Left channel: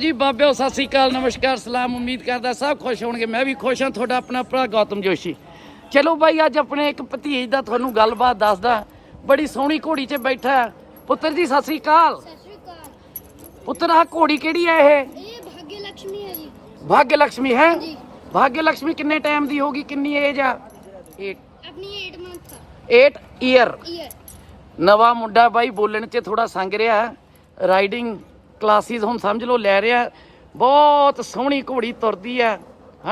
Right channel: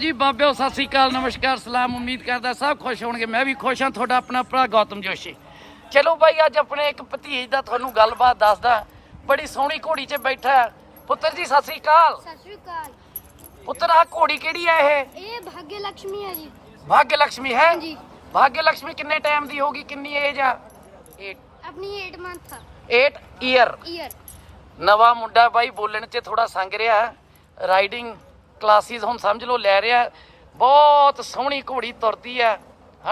ਜੀ ਬਾਬਿਓ ਸਤਿ ਸ੍ਰੀ ਅਕਾਲ ਨਮਸਕਾਰ ਸਲਾਮ ਉਮੀਦ ਕਰਦਾ ਸਭ ਖੁਸ਼ ਹੋਣਗੇ। ਮੈਂ ਵੀ ਖੁਸ਼ ਹਾਂ ਤੁਹਾਡਾ ਆਪਣਾ ਭਰਾ ਗੌਤਮ ਜੋਸ਼ੀ। ਚਲੋ ਬਾਈ ਅੱਜ ਆਪਣੇ ਇੱਕ ਭਤੀਜ ਦਾ ਤੁਹਾਨੂੰ ਗੱਲਬਾਤ ਦੱਸਦਾ। ਬੜੀ ਸੋਹਣੀ ਘੋੜੀ 'ਚ ਬੈਠਾ ਹੈ। ਪੁੱਤਰ ਜੀ ਸਤਿ ਸ੍ਰੀ ਅਕਾਲ। ਸਤਿ ਸ਼੍ਰੀ ਅਕਾਲ। ਪੁੱਤਰ ਆਹ ਘੋੜੀ ਕਿਹੜੀ ਹੈ ਇਹ? ਇਹ ਭਾਗਯ ਲక్ష్ਮੀ ਹੈ ਜੀ। ਭਾਗਯ ਲక్ష్ਮੀ ਹੈ? ਜੀ। ਭਾਗਯ ਲక్ష్ਮੀ ਕਿੰਨੇ ਟਾਈਮ ਦੀ ਹੋਗੀ ਕਿੰਨੀ ਏਜ ਆ? ਆਪਣੀ 8 ਮੰਥ 8 ਇਅਰ ਈਅਰ ਨਵਾਂ ਮੁੰਡਾ ਬਾਈ ਬੋਲਣ 'ਚ ਥੋੜਾ ਸੰਗ ਰਿਹਾ। ਰਾਈਡਿੰਗ ਕਲਾਸਿਸ ਹੁਣ ਸਮਝ ਲਓ ਲੈ ਰਿਹਾ ਬਹੁਤ ਸੋਹਣੀ ਘੋੜੀ ਤੁਰਦੀ ਹੈ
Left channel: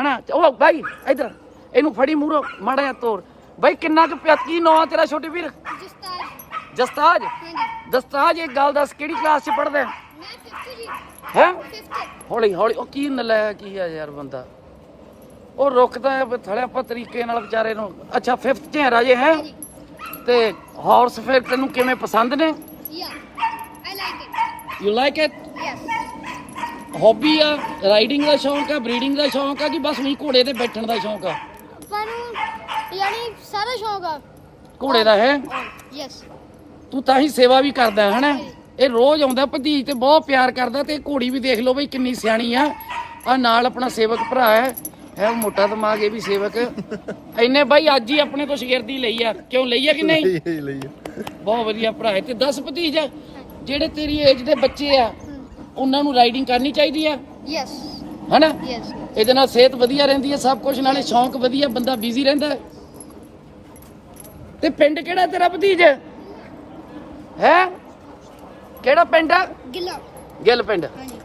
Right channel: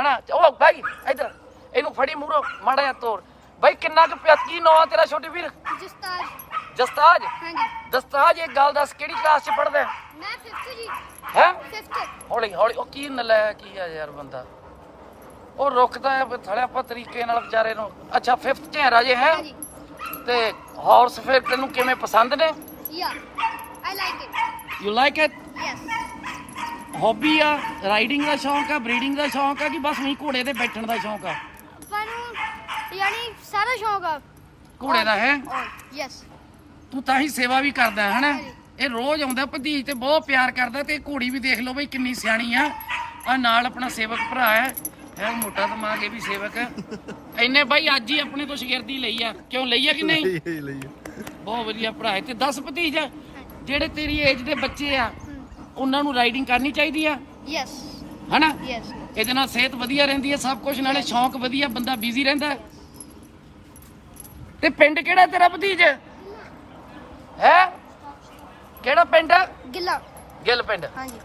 ਹਨਾ? ਉਹ ਬਾਈ ਇਧਰ ਇਹਨੂੰ ਫੜੀ ਮੂਰੋ ਮਾੜਾ ਜਿਹਾ ਤੋਰ। ਬਾਈ ਕਿੰਨਾ ਕੁ ਪਿਆ ਕੀ ਨਾਂ ਤੇਰਾ ਛੋਟੇ ਵੀਰ। ਜਸਤਾਜ। ਜਸਤਾਜ? ਹਾਂਜੀ। ਦਸਤਾਜ ਇੱਕ ਗੱਲ ਦੱਸ ਕਿਹੜੀ ਕਲਾਸ 'ਚ ਪੜ੍ਹਦੇ ਮੈਂ 5th ਜੀ। ਹੈ? 5th ਹੌਲੀ ਹੌਲੀ ਉਹ ਕੀ ਨਲਾਇਆ ਕੀ ਆ ਯਾਰ ਬੰਦਾ। ਉਹ ਰੁਕਦਾ ਹੈ ਥਲੇ ਆਪਾਂ ਤਰੀਕੇ ਨਾਲ ਵਿਚਾਰੇ ਨੂੰ। ਅੱਛਾ 5th 'ਚ ਹੈ ਰਾਜੇ ਹੈ? ਤੇ ਹਾਰਸ ਫਿਰ ਤੈਨੂੰ ਕਿਵੇਂ ਪਸੰਦ ਨੇ? ਯਾ I like it you like it yes hobby ਆ? ਰਾਈਡਿੰਗ ਦਾ ਸ਼ੌਂਕ ਆ? ਬਰੀਡਿੰਗ ਦਾ ਸ਼ੌਂਕ ਆ ਕਿ ਬਸ ਨਹੀਂ ਘੋੜੇ ਤੇ ਬੈਠਣ ਦਾ ਸ਼ੌਂਕ ਆ? ਆਪਾਂ ਨੂੰ ਯਾਨੀ ਸਾਰਾ ਸ਼ੌਂਕ ਆ। ਘੋੜੇ ਦਾ ਹੈ? ਯੈਸ ਤੂੰ ਤਾਂ ਹੀ ਸੇਵਾ ਵੀ ਕਰਦਾ ਹੈ ਹਨਾ? ਇਹ ਰੋਜ਼ ਆਉਂਦਾ ਭਤੀਜ ਤੇ ਬਹੁਤ ਪਿਆਰ ਕਰਦਾ ਤੇ ਇਹ ਘੋੜੀ ਵੀ ਦੇਖ ਲਓ ਬਈ ਕਿੰਨੀ ਸਿਆਣੀ ਆ। ਆ ਨਾਲ ਆਪਣਾ ਸੇਵਕ ਭਰਾ ਹੈ ਹੈ ਮੋਟਾ ਦਿਮਾਗ ਇਹ ਵੀ ਸੇਵਕ। ਇੰਨੇ ਬਾਈ ਅੱਜ ਹੀ ਆਪਣੇ ਤੋਂ ਸ਼ਗਿਰਦੀ ਲਈ ਆ। ਕਿਉਂ ਲਈ ਆ ਕਿ ਨਹੀਂ? ਲਈ ਲਈ ਬਹੁਤ ਵਧੀਆ ਭਰਾ ਹੈ ਤੇ 10 ਭਤੀਜ ਜਿਹੜੇ ਤੇਰੀ ਏਜ ਦੇ ਬੱਚੇ ਆ ਉਹਨਾਂ ਨੂੰ ਰਾਈਡਿੰਗ ਕਰਨੀ ਚਾਹੀਦੀ ਆ? ਯੈਸ ਹਨਾ? ਯੈਸ ਇਹਦੇ ਨਾਲ ਸਿਹਤ ਵਧੀਆ ਰਹਿੰਦੀ ਹੈ ਸਭ ਕੁਝ ਨਾਲੇ ਸ਼ੌਂਕ ਵਧੀਆ ਬੰਦਾ ਬਿਜ਼ੀ ਰਹਿੰਦਾ। ਤੇ ਪਿੰਡ ਕਿਹੜਾ ਤੇਰਾ ਭਤੀਜ? ਹੈ? ਕਿਹੜਾ ਪਿੰਡ? ਹੈ ਗਿੱਲਾ। ਗਿੱਲ ਪਿੰਡ। ਹਾਂਜੀ।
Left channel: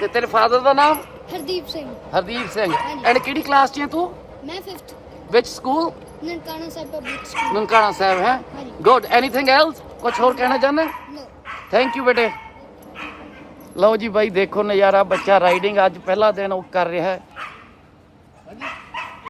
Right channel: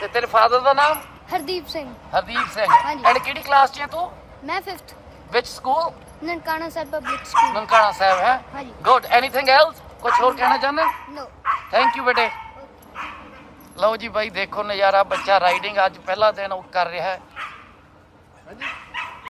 ਤੇ ਤੇਰੇ ਫਾਦਰ ਦਾ ਨਾਮ? ਹਰਦੀਪ ਸਿੰਘ। ਹਰਦੀਪ ਸਿੰਘ। ਹਾਂਜੀ। ਐਂਡ ਕਿਹੜੀ ਕਲਾਸ 'ਚ ਹੈ ਤੂੰ? ਮੈਂ 5th ਵਿਚ school Nankana Sahib public school Nankana Sahib ਹੈ। ਹਾਂਜੀ। ਗੁੱਡ ਐਨੀਥਿੰਗ ਐਲਸ ਕੁਝ ਹੋਰ ਕਹਿਣਾ ਚਾਹੁੰਦਾ? ਨੋ ਥੈਂਕ ਯੂ ਬੇਟੇ। ਲਓ ਜੀ ਬਾਈ ਦੇਖੋ ਨਜ਼ਾਰਾ ਬੱਚਾ ਰਾਈਡਿੰਗ ਅੱਜ ਪਹਿਲਾ ਦਿਨ ਉਹ ਕਰ ਰਿਹਾ ਹੈ।